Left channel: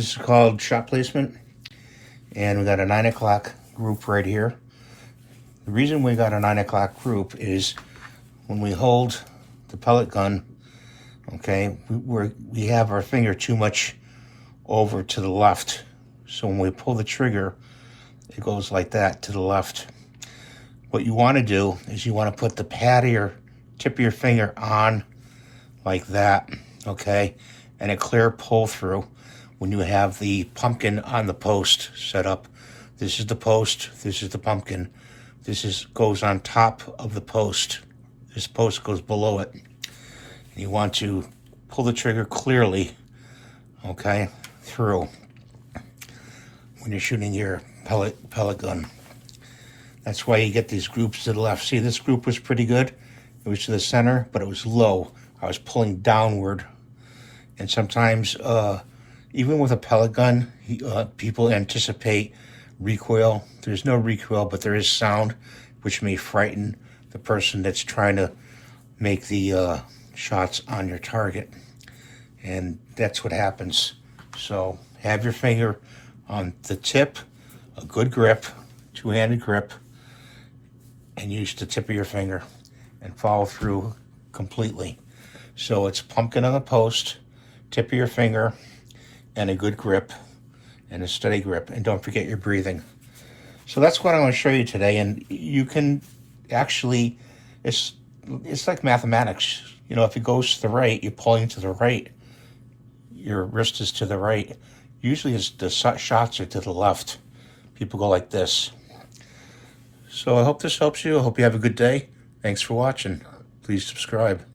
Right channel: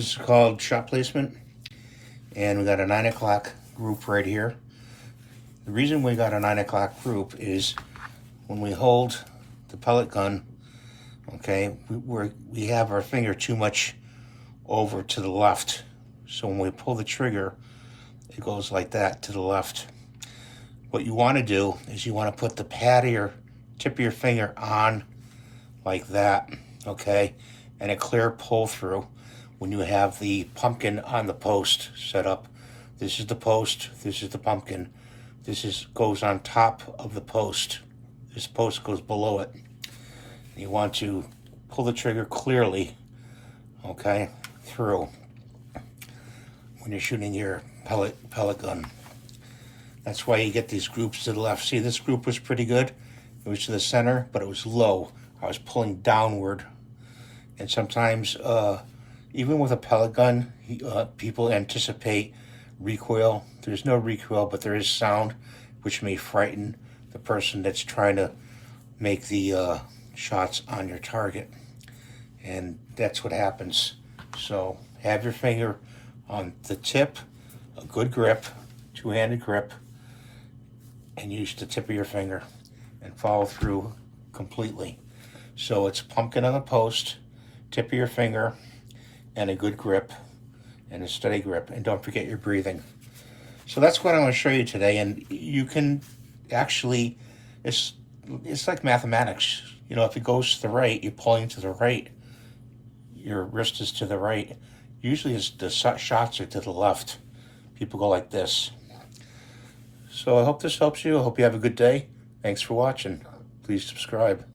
This is called shot placement, and we got a 9 o'clock group right here. The reason we got a 9 o'clock group is when we hold the pellet gun, okay, we have our finger too much over to the left. So when we pull the trigger, it goes like that to the left. What you want to do is you want to put the pad of your tip of your finger on like that, okay, and a clear pull through when you have the pumpkin on the post set up. This is the post, this is the pumpkin. This goes on top of the post. This post goes below it. You want to pull the trigger clearly, okay, through when you're shooting your pellet gun. That's why you get these groups to the left. See, this group was pretty good. It was to the center, but it was low. I was pulling downward. And sometimes, even with a pellet gun, people anticipate recoil. There's no recoil, but there is sound, which may frighten the person that's trying to make the shots on your target. And that's what happens. So have your finger on the tip, a good grip, two-handed grip, and use the tip of your finger and follow through completely. So it's pumpkin on the post, tip of your finger, and a good grip, and a steady grip. And don't forget your breathing. So that's what I want to show you today. And you can actually, it's like mathematics. You know, if it goes to the right, you're pulling to the right. Your wrist is to the right. Usually the shots are to the left. People go like this. So I hope this helps you. I hope you have a good day. Thanks for watching. Please subscribe.